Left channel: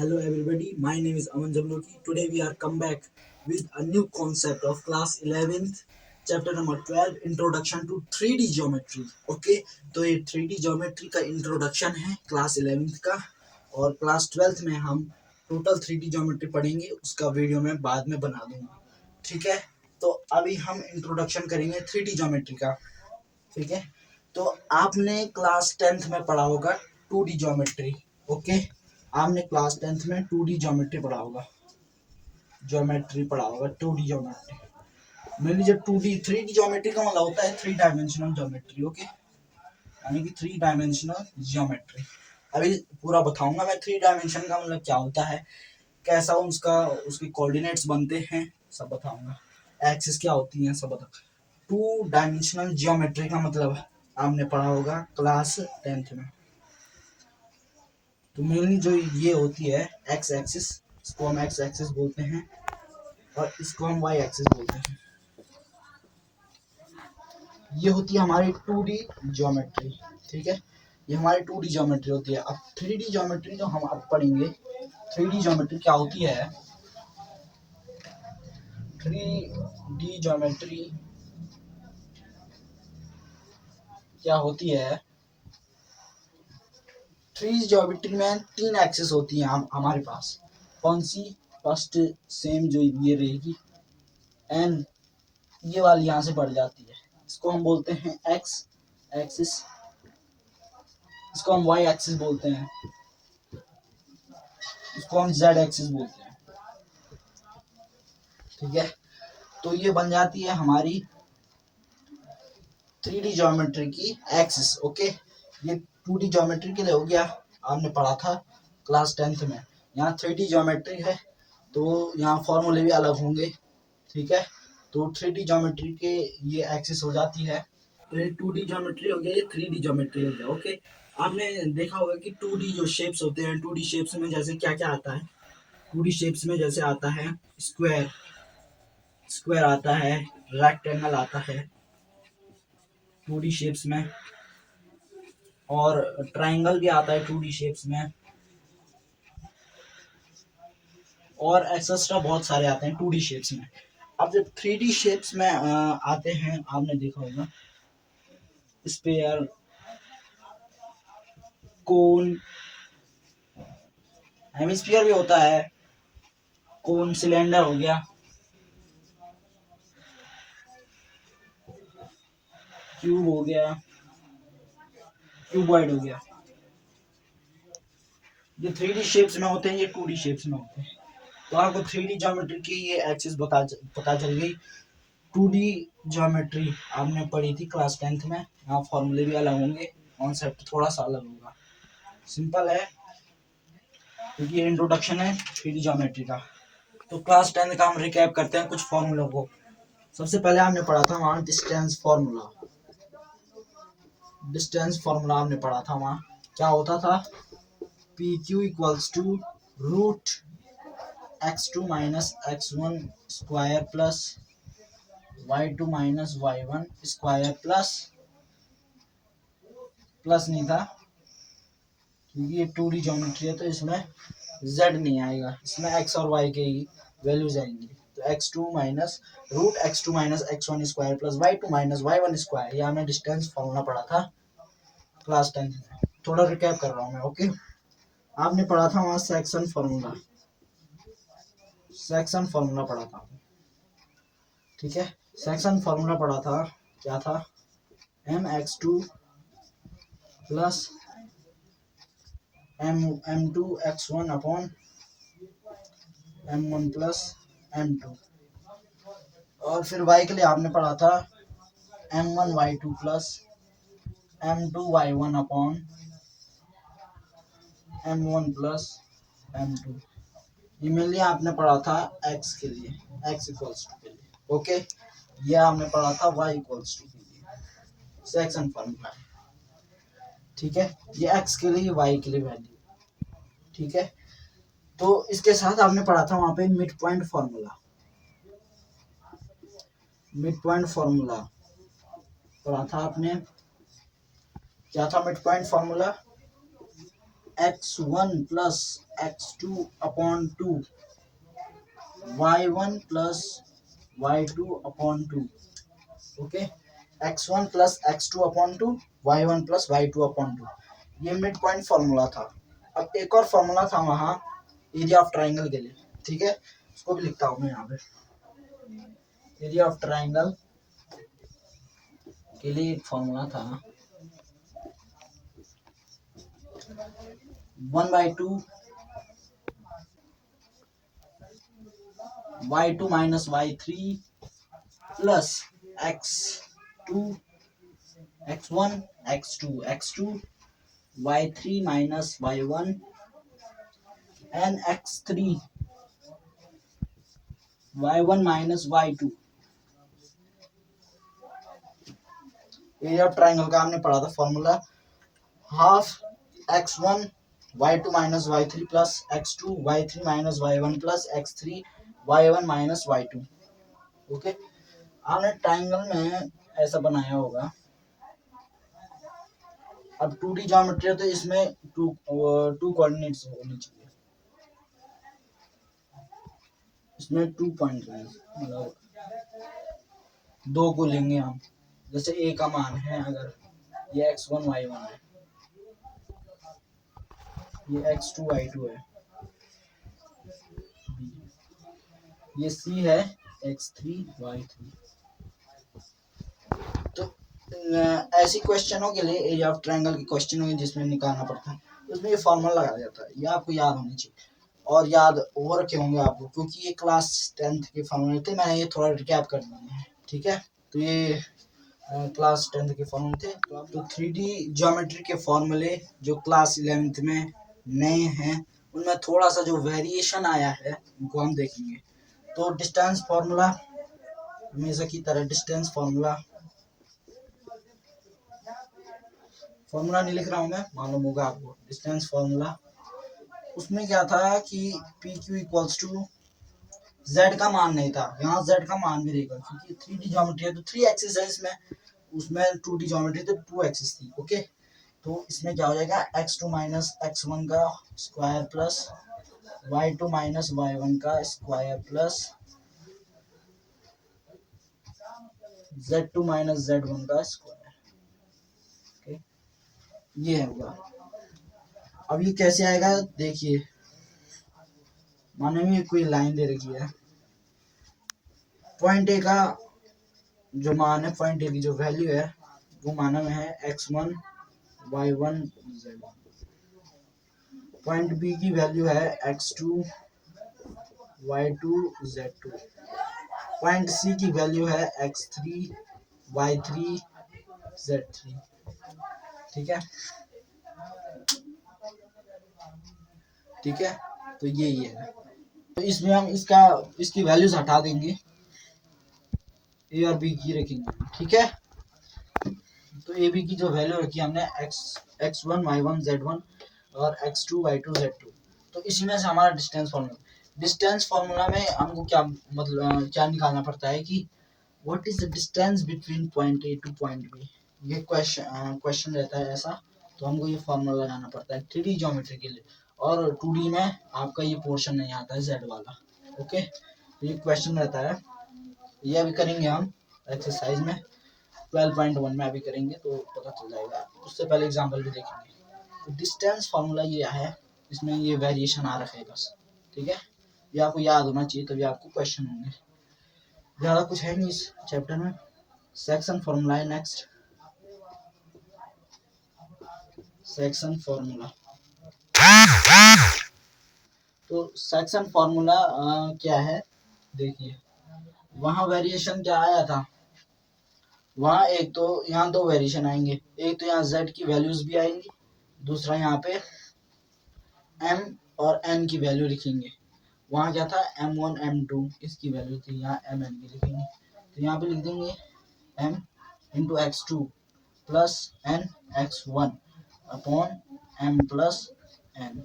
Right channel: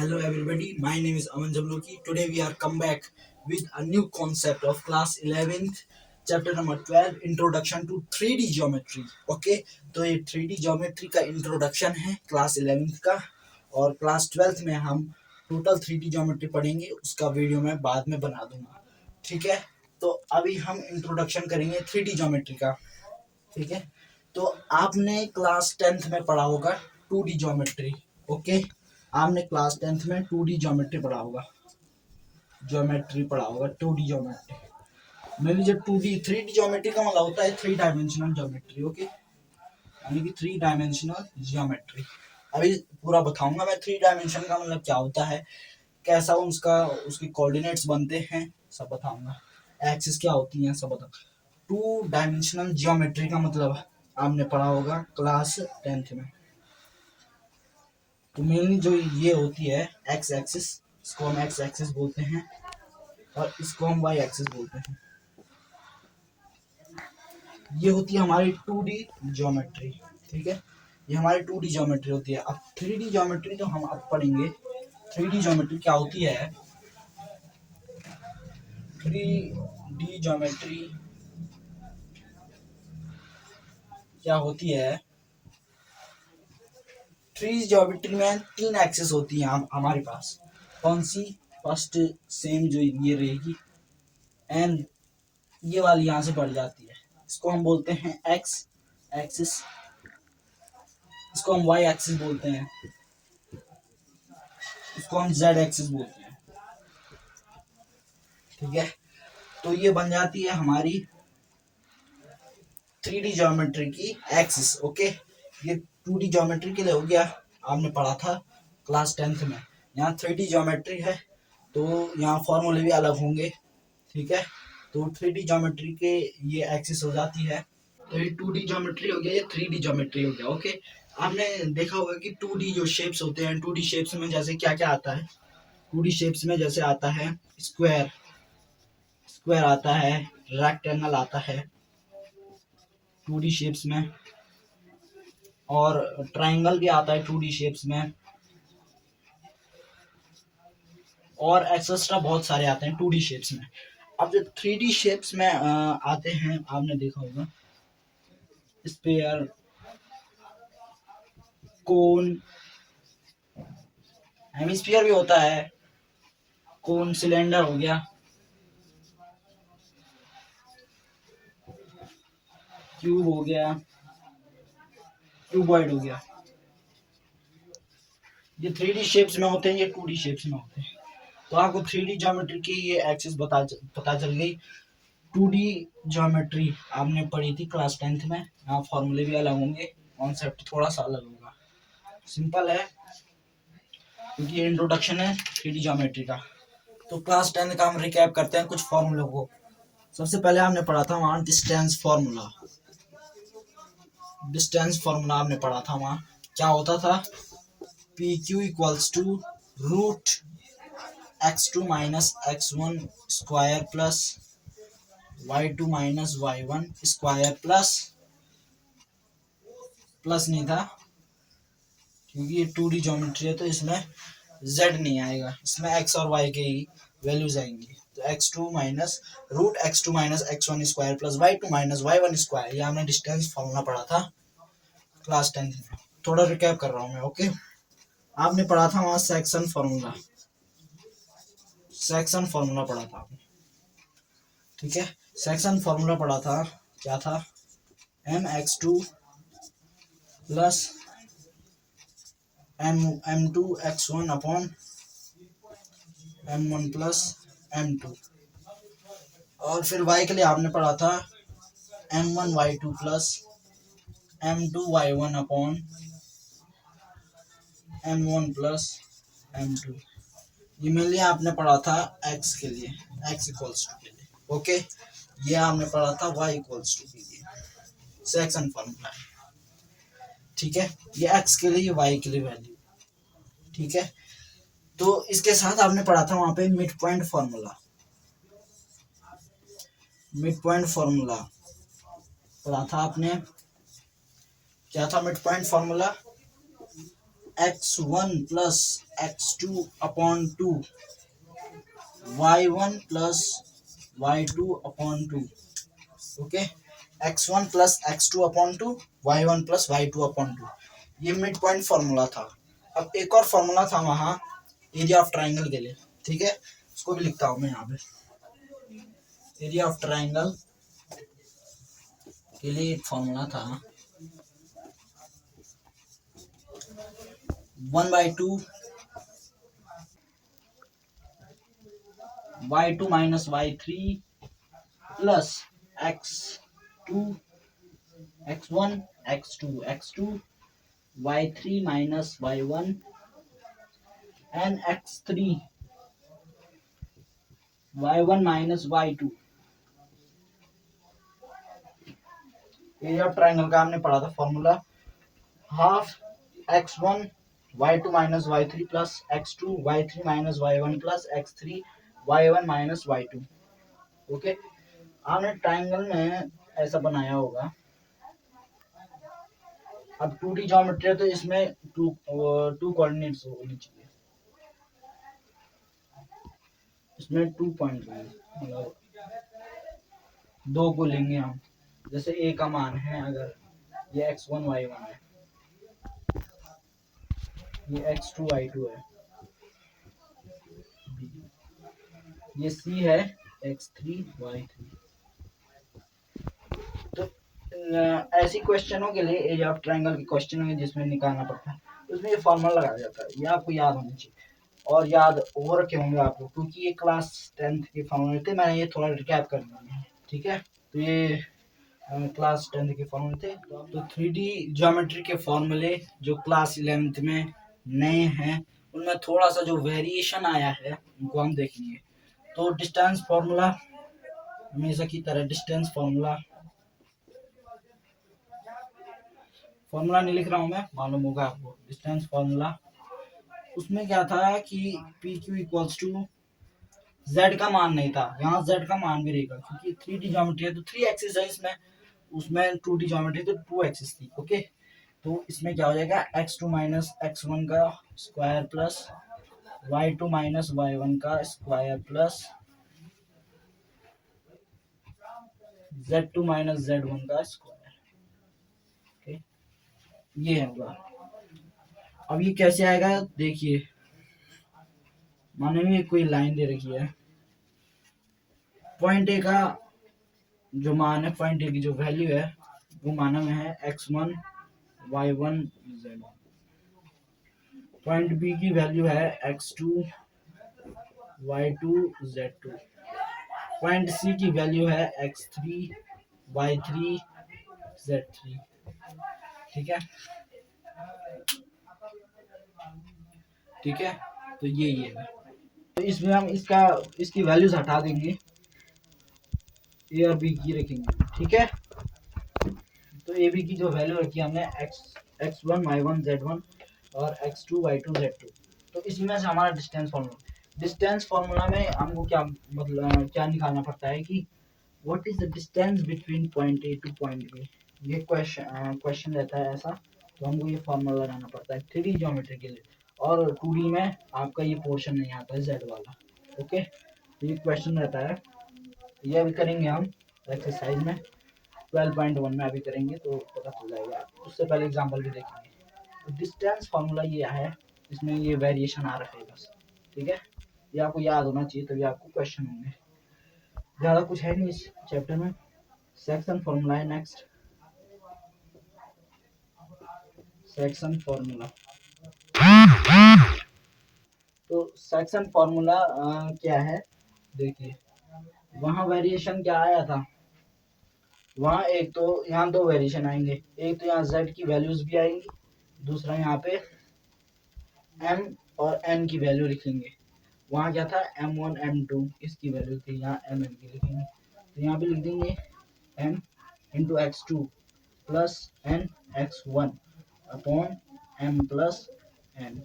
Hello everybody, my name is Aman Jabloki. Today we are come back with a new concept of class 11th chapter number 12 introduction to 3D geometry. Okay, तो ये 3D geometry का introduction है class 11th का और class 12th में हम total 3D geometry पढ़ेंगे, उसका वीडियो मैं बाद में बना दूंगा. ठीक है, तो अभी हम इंट्रोडक्शन करेंगे 3D geometry का. ठीक है, तो आपने क्लास 10th में पढ़ा होगा 2D geometry. ओके, आपने क्लास 10th में 2D ज्योमेट्री पढ़ा होगा, 2D ज्योमेट्री. मेरी जो 2D 3D ज्योमेट्री का मतलब होता है 3 डायमेंशनल ज्योमेट्री. ओके, यानी कि 3 डायमेंशनल ज्योमेट्री. अभी पूरा बताऊंगा मैं 3 डायमेंशन का मतलब क्या होता है, कैसा उसके कोऑर्डिनेट्स बनते हैं, सब बताऊंगा. एक्सिस क्या होती है, सब बता. 2 डायमेंशनल ज्योमेट्री का मतलब आपने पढ़ा होगा क्लास 10th में. तो मेनली जो ये होती है एक्स एक्सिस, इसको हम एक्स एक्सिस बोलते हैं और इसको हम वाई एक्सिस बोलते हैं. ये होती है हमारी 2D ज्योमेट्री. ठीक है, ये हमारी 2D ज्योमेट्री होती है. अब 3D ज्योमेट्री जो हम अब पढ़ेंगे, 3D ज्योमेट्री क्या होती है. 3D ज्योमेट्री क्या होती है, 3D ज्योमेट्री में 3 एक्सिस होती हैं हमारे पास. कौन सी, फर्स्ट सेम जो ये रहेगी एंड ये वाली यहाँ से बढ़ जाती है, इसको हम बोलते हैं एक्स एक्सिस, इसको हम वाई एक्सिस बोलते हैं, इसको हम जेड एक्सिस बोलते हैं. ठीक है, तो ये बन जाती है हमारी 3D ज्योमेट्री की एक्सिस. ओके, ये 2D ज्योमेट्री के लिए हो गया, आपने पढ़ा था क्लास 10th में. यहाँ 3D ज्योमेट्री है तो यहाँ फॉर्मूले भी अलग होंगे. ठीक है, तो 3D ज्योमेट्री के ये एक्सिस हो जाती है. तो ये 2D ज्योमेट्री हो गया, ये 3D ज्योमेट्री हो गया. ओके, आपने देखा होगा कि 2D जो शेप्स होते हैं, 2D शेप्स में जैसे क्या क्या आता है. 2D शेप्स में जैसे आता है स्क्वायर, स्क्वायर आता है, रेक्टेंगल आता है 2D शेप्स में, और ट्रायंगल भी आता है 2D शेप्स में, और एक्सेट्रा बहुत सारे आते हैं 2D शेप्स में. अब जब 3D शेप्स में आते हैं, आपने देखा होगा स्फीयर, कोन, हेमिस्फीयर भी होता है, कोन, सिलेंडर हो गया, क्यूब हो गया, क्यूबॉइड हो गया. ये 3D शेप्स में होते हैं, ये 2D शेप्स में होते हैं. तो आपको 3D ज्योमेट्री की ये एक्सिस पता चल गई. 2D ज्योमेट्री आपने पढ़ी थी क्लास 10th में. यहाँ फॉर्मूले भी अलग होंगे, कॉन्सेप्ट थोड़ा सा अलग होगा. सिंपल है क्योंकि ये इंट्रोडक्शन है 3D ज्योमेट्री का. तो क्लास 10th का हम रिकैप करते हैं कुछ फॉर्मूलों को. सबसे पहले हमने पढ़ा था वहाँ डिस्टेंस फॉर्मूला. डिस्टेंस फॉर्मूला हमने पढ़ा था वहाँ. क्या होता था, P Q equals to root x2 minus x1 square plus y2 minus y1 square plus नहीं था क्योंकि ये 2D ज्योमेट्री है तो इसमें z नहीं आएगा, इसमें x और y के ही वैल्यूज आएंगी. तो x2 minus root x2 minus x1 square plus y2 minus y1 square. ये हमने डिस्टेंस फॉर्मूला पढ़ा था क्लास 10th में. थोड़ा रिकैप कर रहा हूँ मैं. ओके, आपने पढ़ा था वहाँ सेक्शन फॉर्मूला, सेक्शन फॉर्मूला पढ़ा था आपने. ठीक है, सेक्शन फॉर्मूला पढ़ा था, क्या था, mx2 plus m2 x1 upon m1 plus m2. और फिर y के लिए आपने पढ़ा था m1 y2 plus m2 y1 upon m1 plus m2. ये मेनली आपने पढ़ा था x के लिए, x इक्वल्स टू के लिए. ओके, ये आपने पढ़ा था y इक्वल्स टू के लिए, सेक्शन फॉर्मूला. ठीक है, ये x के लिए, y के लिए वैल्यू. ठीक है, तो इसके साथ आपने पढ़ा था वहां पे mid point formula. Mid point formula पढ़ा था आपने. क्या था mid point formula, x1 plus x2 upon 2, y1 plus y2 upon 2। Okay, x1 plus x2 upon 2, y1 plus y2 upon 2। ये मिड पॉइंट फॉर्मूला था। अब एक और फॉर्मूला था वहां एरिया ऑफ ट्राइंगल के लिए, ठीक है, उसको भी लिखता हूं मैं यहाँ पे। एरिया ऑफ ट्राइंगल के लिए एक फॉर्मूला था 1/2 y2 minus y3 plus x2 x1 x2 y3 minus y1 and x3 y1 minus y2। Area of triangle का हमने पढ़ा था formula half x1 y2 minus y3 plus x2 y3 minus y1 plus x3 y1 minus y2। Okay, आपने triangle में ऐसा बनाया होगा। अब 2D ज्योमेट्री है तो इसमें टू कोऑर्डिनेट्स होनी चाहिए, इसमें 2 पॉइंट मतलब 2 को लेंगे हम। जैसे a का मान है, अगर ये x1 y1 है, ये x2 y2 है, ये c है x3 y3। तो ऐसी क्वेश्चनों के लिए एरिया ऑफ ट्रायंगल के क्वेश्चन होंगे जिसमें निकालना पड़ता है, उसमें ये फॉर्मूला लगाया जाता है। ये आपको याद होनी चाहिए और याद हो रखे होंगे आपको, क्योंकि ये क्लास 10th के फॉर्मूले थे। मैंने ये थोड़ा रिकैप कर दिए हैं, ठीक है। तो ये क्लास 10th के फॉर्मूले थे। तो 3D ज्योमेट्री के फॉर्मूले जो क्लास 11th में नए हैं, उनमें थोड़ा सा जो वेरिएशन आया है उनको हम देखेंगे। तो डिस्टेंस फार्मूला हमेशा की तरह डिस्टेंस फार्मूला नहीं लिख रहा हूं मैं, मालूम होगा आपको। डिस्टेंस फार्मूला उसमें क्या था कि P Q equals to Z का मान नहीं था, यहाँ जेड का मान भी रहेगा क्योंकि 3D ज्योमेट्री है तो 3 एक्सिस है इसमें। उसमें 2D ज्योमेट्री तो 2 एक्सिस थी। ओके, तो इसमें क्या हो जाएगा x2 माइनस x1 का square plus y2 minus y1 का square plus z2 minus z1 का स्क्वायर। ओके, ये होगा। अब ये कैसे आएगा देखिए, मानो ये कोई लाइन दे रखी है, पॉइंट ए का जो मान है, पॉइंट ए की जो वैल्यू है वो माना में है x1 y1 z1। Point B की वैल्यू है x2 y2 z2। पॉइंट सी की वैल्यू है x3 y3 z3। ठीक है, ठीक है, तो ये है। तो इसमें हम इसकी वैल्यूज हटा देंगे, ए और बी की रखेंगे, ठीक है। तो ए बी की जो वैल्यू रखी हमने x1 y1 z1 और x2 y2 z2, तो इसी में से हमारा डिस्टेंस फार्मूला में हमको क्या मतलब क्या निकालना पड़ता है कि what is the distance between point A to point B. ये क्वेश्चन रहता है ऐसा, तो हमको ये फार्मूला लगाना पड़ता है 3D ज्योमेट्री के लिए। और 2D में आपका ये पोर्शन नहीं आता है z वाला। ओके, तो ये क्वेश्चन रहता है, ये अभी करेंगे हम एक्सरसाइज में 12.1 में अभी करेंगे तो पता चल जाएगा। उससे पहले एग्जांपल भी देखेंगे। तो डिस्टेंस फार्मूला ये है, इसमें ये वेरिएशन आ रखा है बस, ठीक है। ये आपको याद होना चाहिए, तभी आपको क्वेश्चन होंगे। ज़्यादा कुछ है नहीं इस चैप्टर में। सेक्शन फार्मूला है नेक्स्ट, सेक्शन फार्मूला। तो सेक्शन फार्मूला क्या है देखिए, वहाँ वेरिएशन क्या आया था, वहाँ एक तो यहाँ दो वेरिएशन आएंगे, एक तो यहाँ z की वैल्यूज भी आएंगी, दूसरा यहाँ पे m और n की वैल्यू लिखेंगे। वहाँ क्या था m1 m2 इसकी वैल्यू थी, यहाँ mn की लिखेंगे। तो यहाँ पे लिख देंगे m into x2 plus n x1 upon m plus n।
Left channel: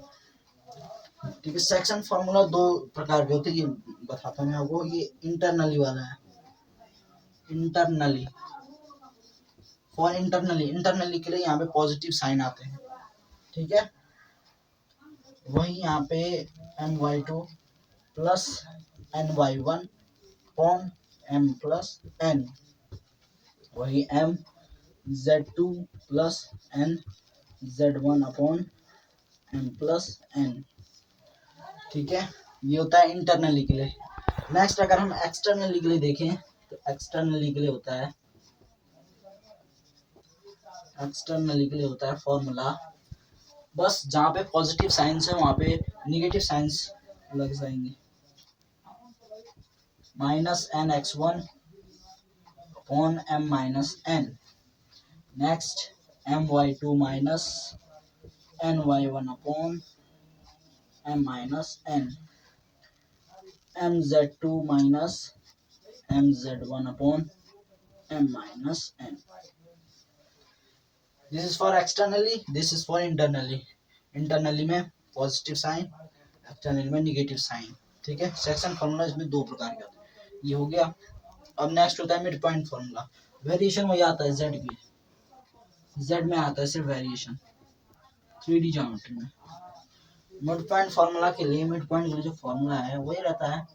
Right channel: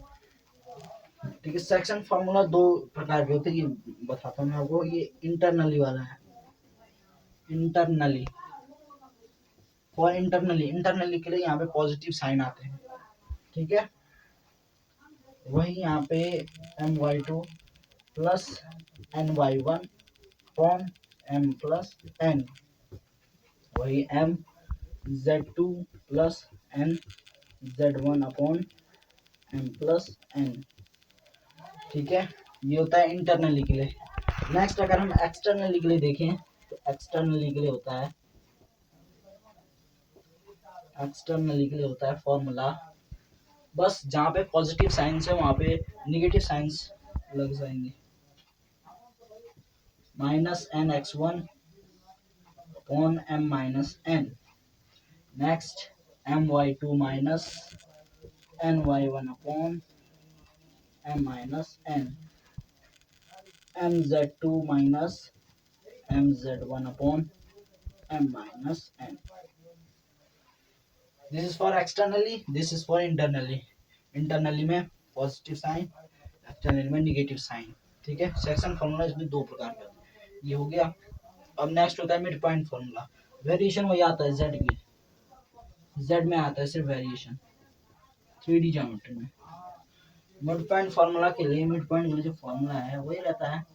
ठीक है, सेक्शन फार्मूला दो प्रकार के होते हैं, ये बताता हूँ मैं आपको। ये इंटरनली वाला है, इंटरनली फॉर इंटरनली के लिए यहाँ पे पॉजिटिव साइन आते हैं, ठीक है। वही यहाँ पे my2 plus ny1 upon m plus n, वही m z2 plus n z1 upon m plus n। ठीक है, ये होता है इंटरनली के लिए। नेक्स्ट अगर हम एक्सटर्नली के लिए देखें तो एक्सटर्नली के लिए होता है फॉर्मूला, बस जहाँ पे पॉजिटिव साइंस है वहाँ पे निगेटिव साइंस लग जाएंगे, minus N X one upon M minus N. Next M Y two minus N Y one upon M minus N, M Z two minus M Z one upon M minus N. This is for externally, this is for internally. Internally में positive sign, externally में negative sign. ठीक है, section formula इसमें दो प्रकार के होते हैं, ये हो गया। अब नेक्स्ट होता है मिड पॉइंट फॉर्मूला। वेरिएशन वही आता है जेड में, जेड में आता है सिर्फ वेरिएशन 3D ज्योमेट्री में। मिड पॉइंट फॉर्मूला के लिए मिड पॉइंट में जो फॉर्मूला है वही रहता है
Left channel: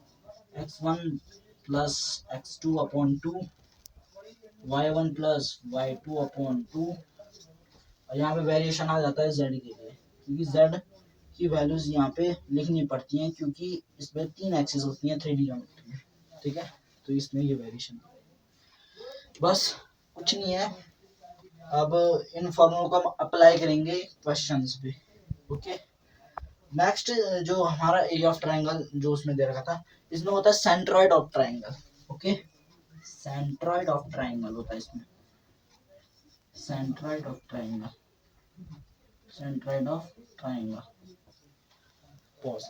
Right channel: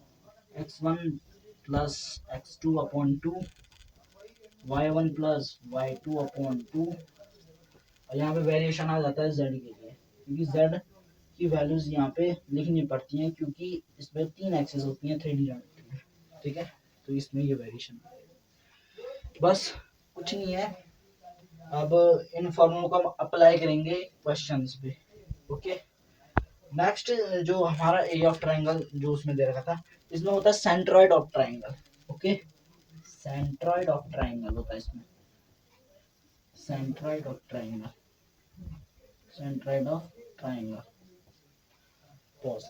x1 plus x2 upon 2, y1 plus y2 upon 2, और यहाँ पे वेरिएशन आ जाता है z के लिए, क्योंकि z की वैल्यूज यहाँ पे लिखनी पड़ती हैं क्योंकि इसमें 3 एक्सिस होती हैं 3D ज्योमेट्री में। ठीक है, तो इसमें ये वेरिएशन, बस कुछ नहीं है। अब इन फॉर्मूलों को हम अप्लाई करेंगे क्वेश्चंस पे। ओके, नेक्स्ट जो हमारा एरिया ऑफ ट्रायंगल जो उसमें दे रखा था, इसमें होता है centroid of triangle. Okay, centroid of triangle होता है इसमें, centroid of triangle, centroid of triangle. Pause.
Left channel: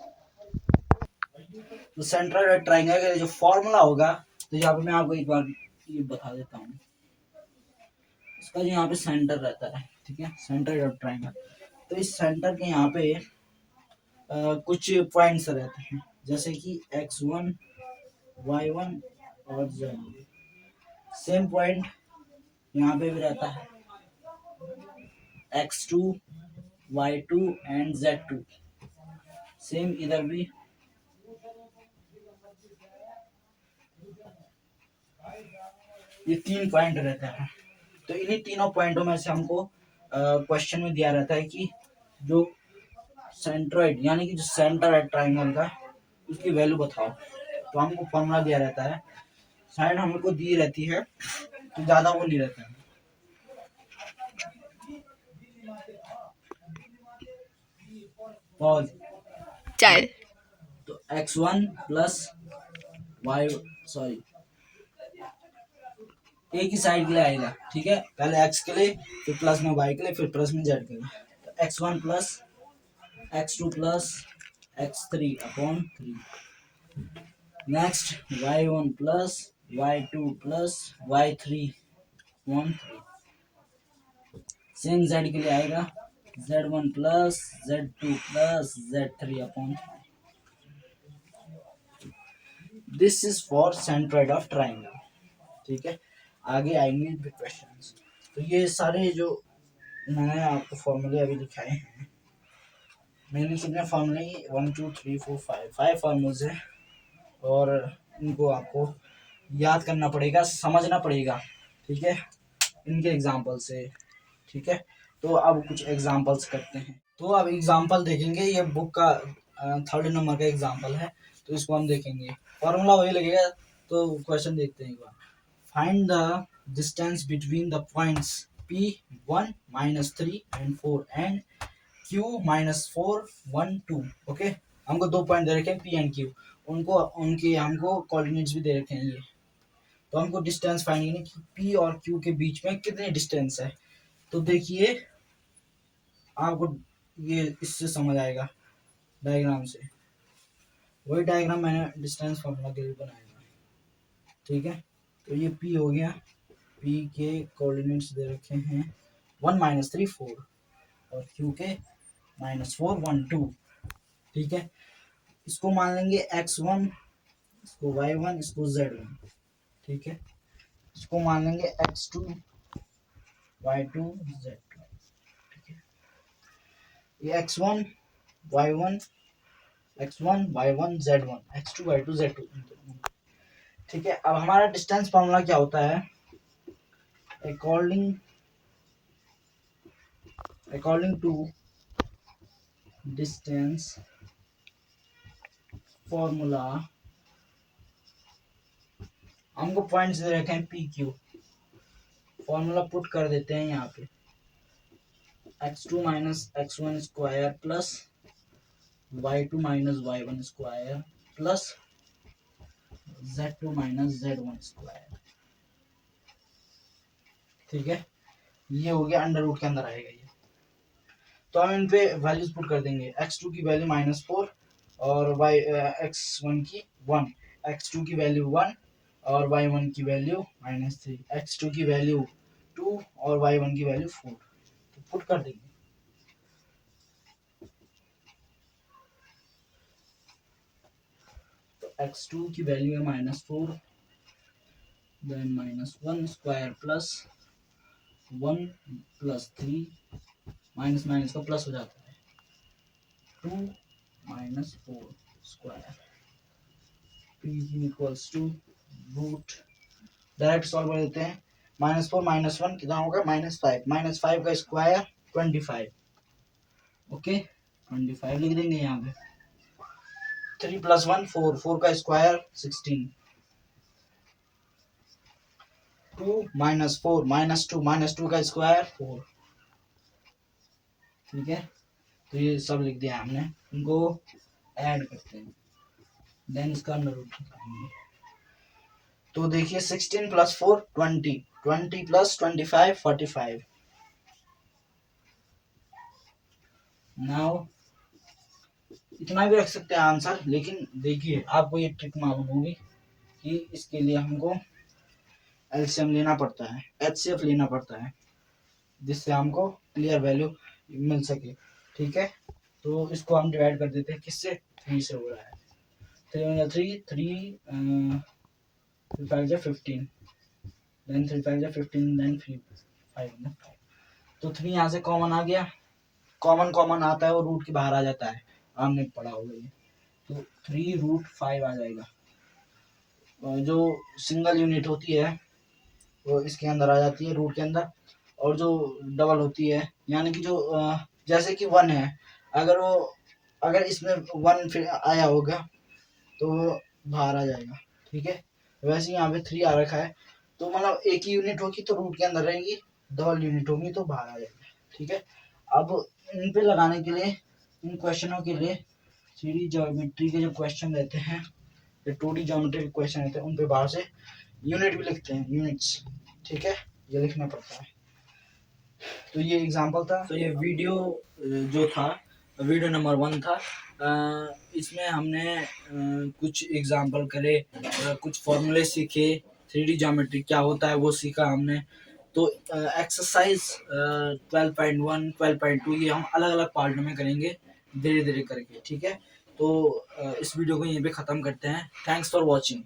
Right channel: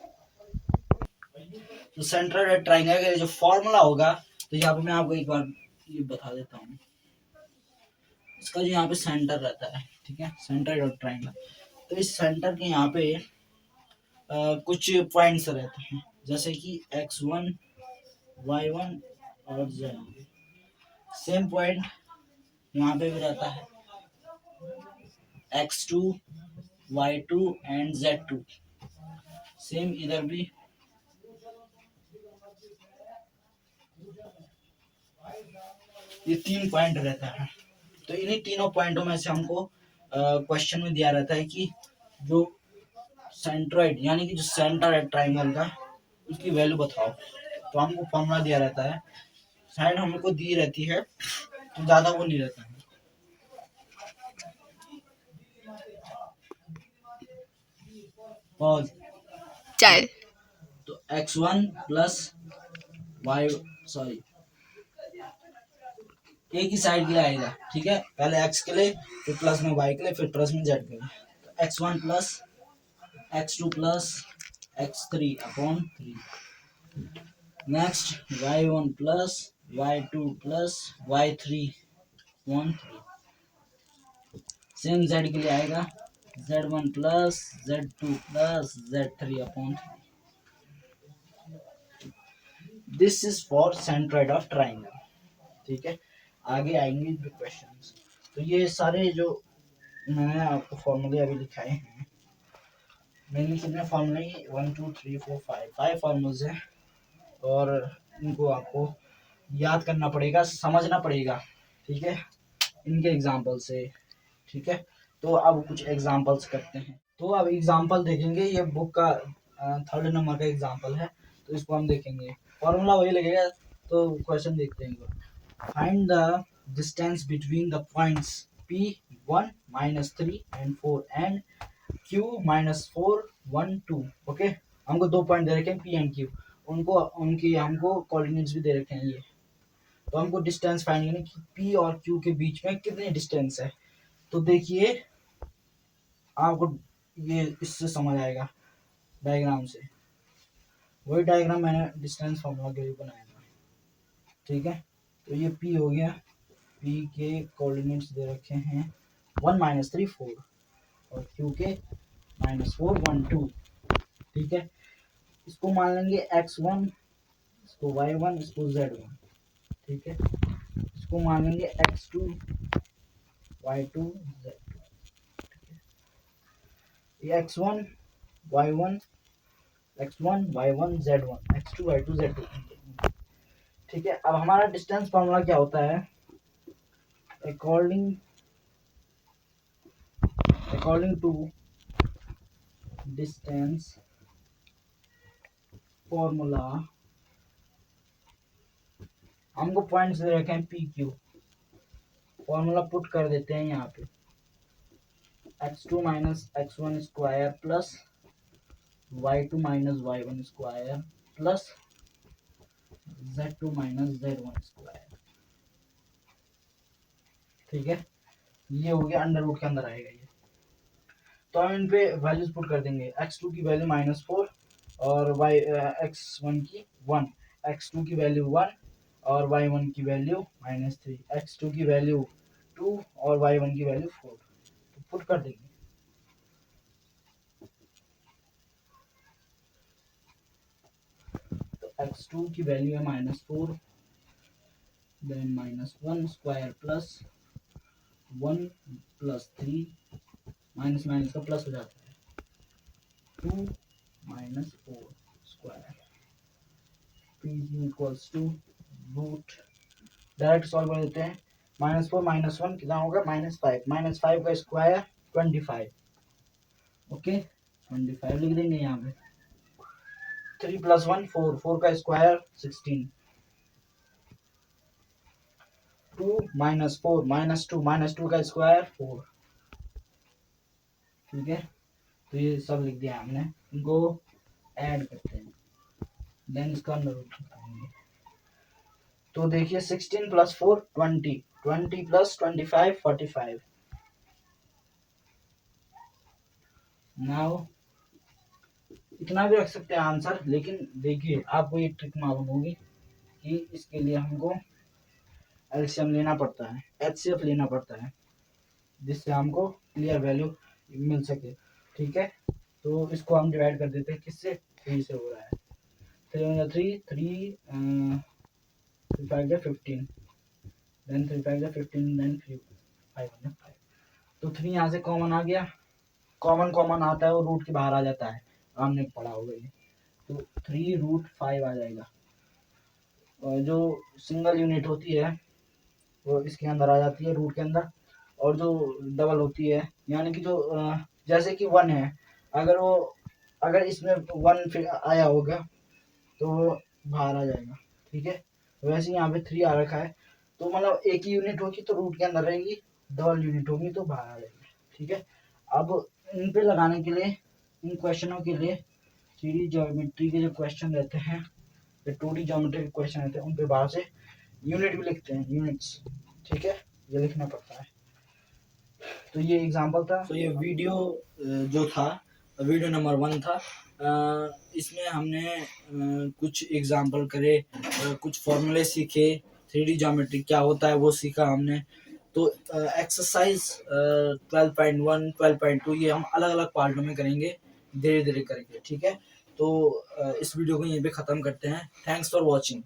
तो सेंट्रॉइड ऑफ ट्रायंगल का जो फॉर्मूला होगा, तो यहाँ पे मैं आपको एक बार ये बता देता हूँ। इसका जो यहाँ पे सेंटर रहता है, ठीक है, सेंट्रॉइड ऑफ ट्रायंगल, तो इस सेंटर के यहाँ पे कुछ पॉइंट्स रहते हैं, जैसे कि x1, y1 और z। सेम पॉइंट यहाँ पे भी रहता है x2, y2 and z2, same इधर भी। ये 3 पॉइंट रहता है, तो इन्हीं तीनों पॉइंटों में से हमको क्वेश्चन में दिया रहता है कि जो सेंट्रॉइड यानी कि जो सेंटर है ट्राइंगल का, उसकी वैल्यू बताओ। तो हमको फॉर्मूला दिया रहता है, साइड हमको दी रहती है, तो ज्यादा वो नहीं रहता है। चल, तो x1 प्लस y, सॉरी एक ही साइड के लिए आएगा। ठीक है, पहले x के लिए, फिर प्लस में y के लिए, फिर प्लस में z के लिए। तो x1 plus x2 plus x3 upon 3। Next y1 plus y2 plus y3 upon 3। Same z के लिए आएगा z1 plus z2 plus z3 upon 3। This is for centroid of triangle. ठीक है, आगे आएंगे क्वेश्चंस। तो ये सारे जो मैंने आपको फॉर्मूले अभी दिखाए हैं, मेनली कितने फॉर्मूले, 1 2 3 4 5 फॉर्मूल्स हैं, और इनको आपको याद करना पड़ेगा, समझना पड़ेगा। ठीक है, इनके एग्जाम्पल से। ठीक है, तो अब कुछ एग्जाम्पल्स करते हैं। तो अब एग्जाम्पल देखेंगे, ये बुक का 3rd नंबर का एग्जाम्पल है, तो इसको हम देखेंगे। फॉर्मूला वही लगेगा, तो क्वेश्चन देखते हैं एक बार। Find the distance between the points P1 -3 and 4 and Q -4 1 2। Okay, हमको दो पॉइंट दे रखे हैं P एंड Q, उनको उनके हमको कोऑर्डिनेट्स भी दे रखे हैं ये। तो हमको डिस्टेंस फाइंड करनी कि P और Q के बीच में कितनी डिस्टेंस है। तो देखिए, आपको ये इससे समझ आएगा डायग्राम से, वही डायग्राम मैंने डिस्टेंस फार्मूला के लिए बनाया था। ठीक है, तो ये P हो गया, P के कोऑर्डिनेट्स दे रखे हैं 1 -3 4 और Q के -4 1 2। ठीक है, इसको मान लेंगे x1, इसको y1, इसको z1। ठीक है, इसको मान लेंगे x2, y2, z2। ठीक है, ये x1 y1 x1 y1 z1 x2 y2 z2। ठीक है, अब हमारा डिस्टेंस फॉर्मूला क्या होता है? अकॉर्डिंग टू डिस्टेंस फॉर्मूला, हमको पॉइंट्स दे रखे हैं पी क्यू, फॉर्मूला पुट कर देते हैं यहाँ पे x2 minus x1 square plus y2 minus y1 square plus z2 minus z1 square. ठीक है, ये हो गया, अंडर रूट के अंदर आएगा ये। तो हम इन पे वैल्यूज पुट कर देंगे। x2 की वैल्यू -4 और x1 की 1, x2 की वैल्यू 1 और y1 की वैल्यू -3, x2 की वैल्यू 2 और y1 की वैल्यू 4। तो पुट कर देंगे। तो x2 की वैल्यू है -4, then -1 square plus 1 plus 3, minus minus का प्लस हो जाता है, 2 -4 square p equals to root, direct solve कर देते हैं। -4 -1 कितना होगा? -5, -5 का स्क्वायर 25। ओके, 25 लिख देंगे यहाँ पे। 3 + 1 4, 4 का स्क्वायर 16, 2 -4 -2 का स्क्वायर 4। ठीक है, तो ये सब लिख दिया हमने, इनको ऐड करते हैं, देन इसका अंडर रूट निकालेंगे। तो देखिए 16 + 4 20, 20 + 25 45। नाउ इतना भी रख सकते हैं आंसर, लेकिन देखिए आपको ये ट्रिक मालूम होगी कि इसके लिए हमको एलसीएम लेना पड़ता है, एचसीएफ लेना पड़ता है, जिससे हमको क्लियर वैल्यू मिल सके। ठीक है, तो इसको हम डिवाइड कर देते हैं, किससे? 3 से हो रहा है, 3 3 5 15, देन 3 5 15, देन 5 तो 3 यहाँ से कॉमन आ गया, कॉमन आता है वो रूट के बाहर आ जाता है, हमने पढ़ा होगा ये। तो 3√5 आ जाएगा। और जो सिंगल यूनिट होती है वो इसके अंदर आ जाती है, रूट के अंदर, और जो डबल होती है, यानी कि जो जैसे कि 1 है, अगर इसमें 1 फिर आया होगा तो वो बाहर आ जाएगा। ठीक है, वैसे यहाँ पे 3 आ रखा है, तो मतलब एक ही यूनिट होगी तो रूट के अंदर रहेगी, डबल यूनिट होगी तो बाहर आ जाएगी। ठीक है, अब इन पे लगाने के लिए, इन क्वेश्चनों के लिए 3D ज्योमेट्री के जो क्वेश्चन रहते हैं, या 2D ज्योमेट्री के क्वेश्चन रहते हैं, उन पे बाहर से यूनिट भी लिखते हैं, यूनिट्स। ठीक है, ये लिखना पड़ता है। तो ये एग्जांपल था। तो ये वीडियो जो था, वीडियो नंबर 1 था। इसमें हमने कुछ एग्जांपल करे, कुछ फॉर्मूले सीखे, 3D ज्योमेट्री क्या होता है वो सीखा हमने। तो एक्सरसाइज 12.1 12.2 ये हम अलग अलग पार्टों में करेंगे, धीरे धीरे करके। ठीक है, तो इस वीडियो को यहीं पे ख़त्म करते हैं। Thanks for watching.